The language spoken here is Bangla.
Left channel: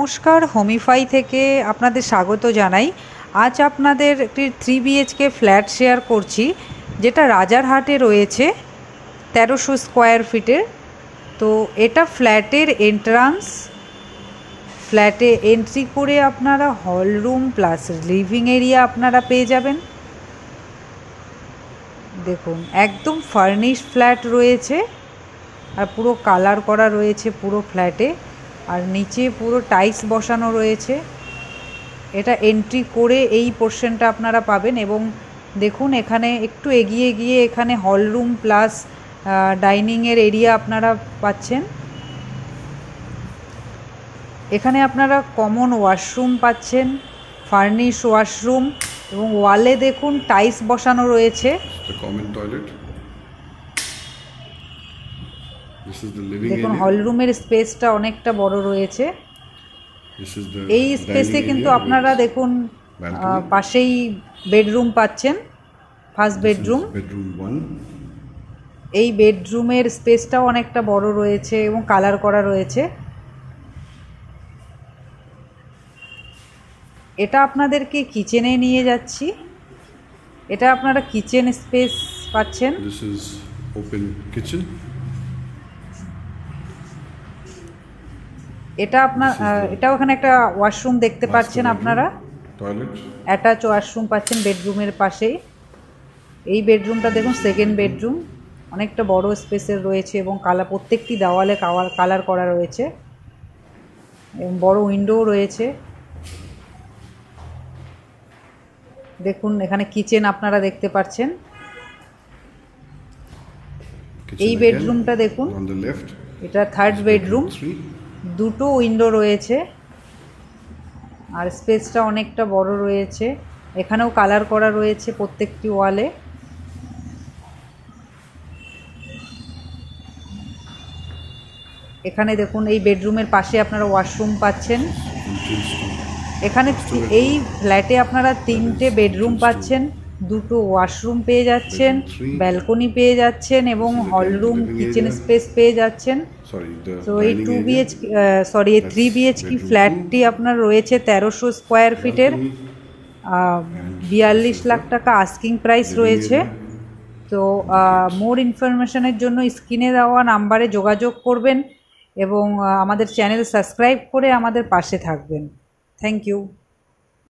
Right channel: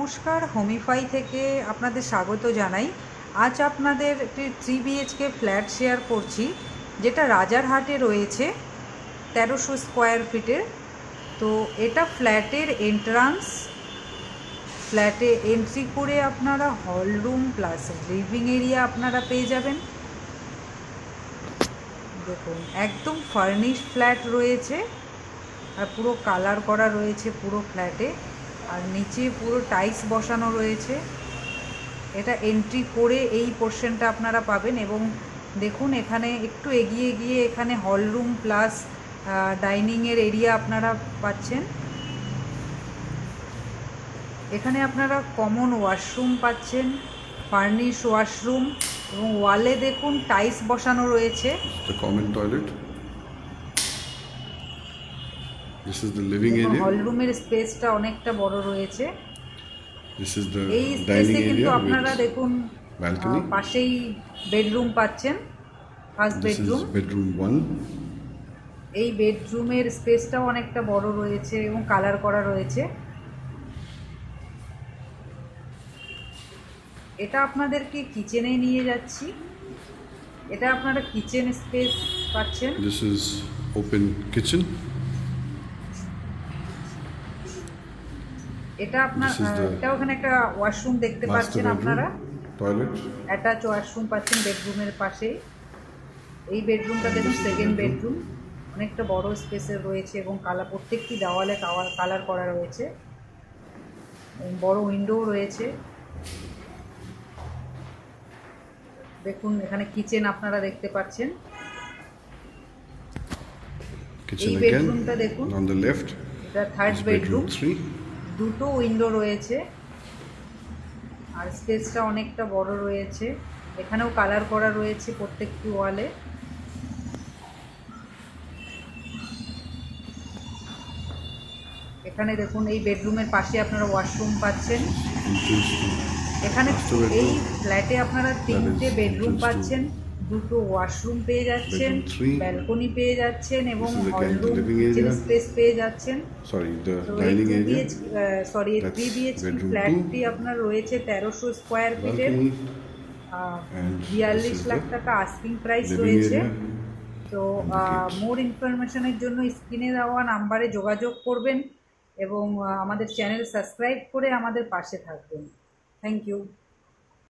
নমস্কার, হোমিফাই থেকে আপনাদের স্বাগত জানাই। আজ আপনাদের একটি 3 BHK ফ্ল্যাট শেয়ার করছি, যেটা রাজারহাটে রয়েছে 1300 স্কোয়ার ফিটের। তো এটা ফ্ল্যাটের এন্ট্রান্স। ফ্ল্যাটে এন্ট্রি করে আপনারা hall room plus living area আপনারা পেয়ে যাবেন। দেখুন, একদম ফার্নিশ ফ্ল্যাট রয়েছে আর পুরো কালার করা রয়েছে পুরো ফ্ল্যাটে, আর নিচে পুরো টাইলস বসানো রয়েছে। এটা এন্ট্রি করে এই পোর্শনটা আপনারা পাবেন। এবং দেখুন, এখানে একটু এগিয়ে গিয়ে এখানে হল রুম প্লাস ডাইনিংয়ের এরিয়া আপনারা পাচ্ছেন। এখানে আপনারা কমন ওয়াশরুম পাচ্ছেন, ফার্নিশ ওয়াশরুম, এবং ওয়ালে দেখুন টাইলস বসানো রয়েছে। Common toilet. This is the living area. হল রুমের স্পেসটা অনেকটা বড় রয়েছে। This is the এই স্পেসে কিন্তু আপনারা দেখুন পাশেই বেডরুম পাচ্ছেন, ফার্স্ট বেডরুম। বেডরুম 1। এই বেডরুমের স্পেসটাও অনেকটা বড় রয়েছে এবং কালার করা রয়েছে। এটা আপনাদেরকে কিচেনে নিয়ে যাচ্ছি। এটা আপনারা কিচেন স্পেস পাচ্ছেন। This is open kitchen. এটা আপনার এটাও এখানে একটা ওয়াশরুম দেখতে পাচ্ছেন আপনারা, টয়লেট অ্যাটাচ ওয়াশরুম পাচ্ছেন বেডরুমের পাশেই। এই বেডরুমটা দেখুন সেকেন্ড বেডরুম, অনেকটা বড় স্পেসের রয়েছে এবং প্রত্যেকটি দেওয়ালে কালার করা রয়েছে এবং বড় উইন্ডোও রয়েছে। দেখুন, এখানে কিচেন আপনারা দেখতে পাচ্ছেন। এই বেডরুমটা দেখুন, এটা থার্ড বেডরুম, দুটো উইন্ডো রয়েছে আর স্পেসটা অনেকটা বড় রয়েছে। এখানেও কালার করা রয়েছে প্রত্যেকটি ওয়ালে। এখানে দেখুন, এই বেডরুমের পাশে আপনারা ওয়াশরুম পাচ্ছেন। এখানে এই ফ্ল্যাটে আপনারা 3টে বেডরুম পাচ্ছেন, দুটো ওয়াশরুম পেয়ে যাচ্ছেন, ব্যালকনি পেয়ে যাচ্ছেন এবং হল রুম কিচেন স্পেস পেয়ে যাচ্ছেন। তো এই 3 BHK ফ্ল্যাটটি আপনার রয়েছে 1300 স্কোয়ার ফিটের। 42 লাখ টাকা আস্কিং প্রাইস রয়েছে। তো মোর ইনফরমেশনের জন্য স্ক্রিনে দেওয়া নাম্বারে যোগাযোগ করবেন এবং আমাদের চ্যানেল সাবস্ক্রাইব করে আমাদের পাশে থাকবেন। Thank you.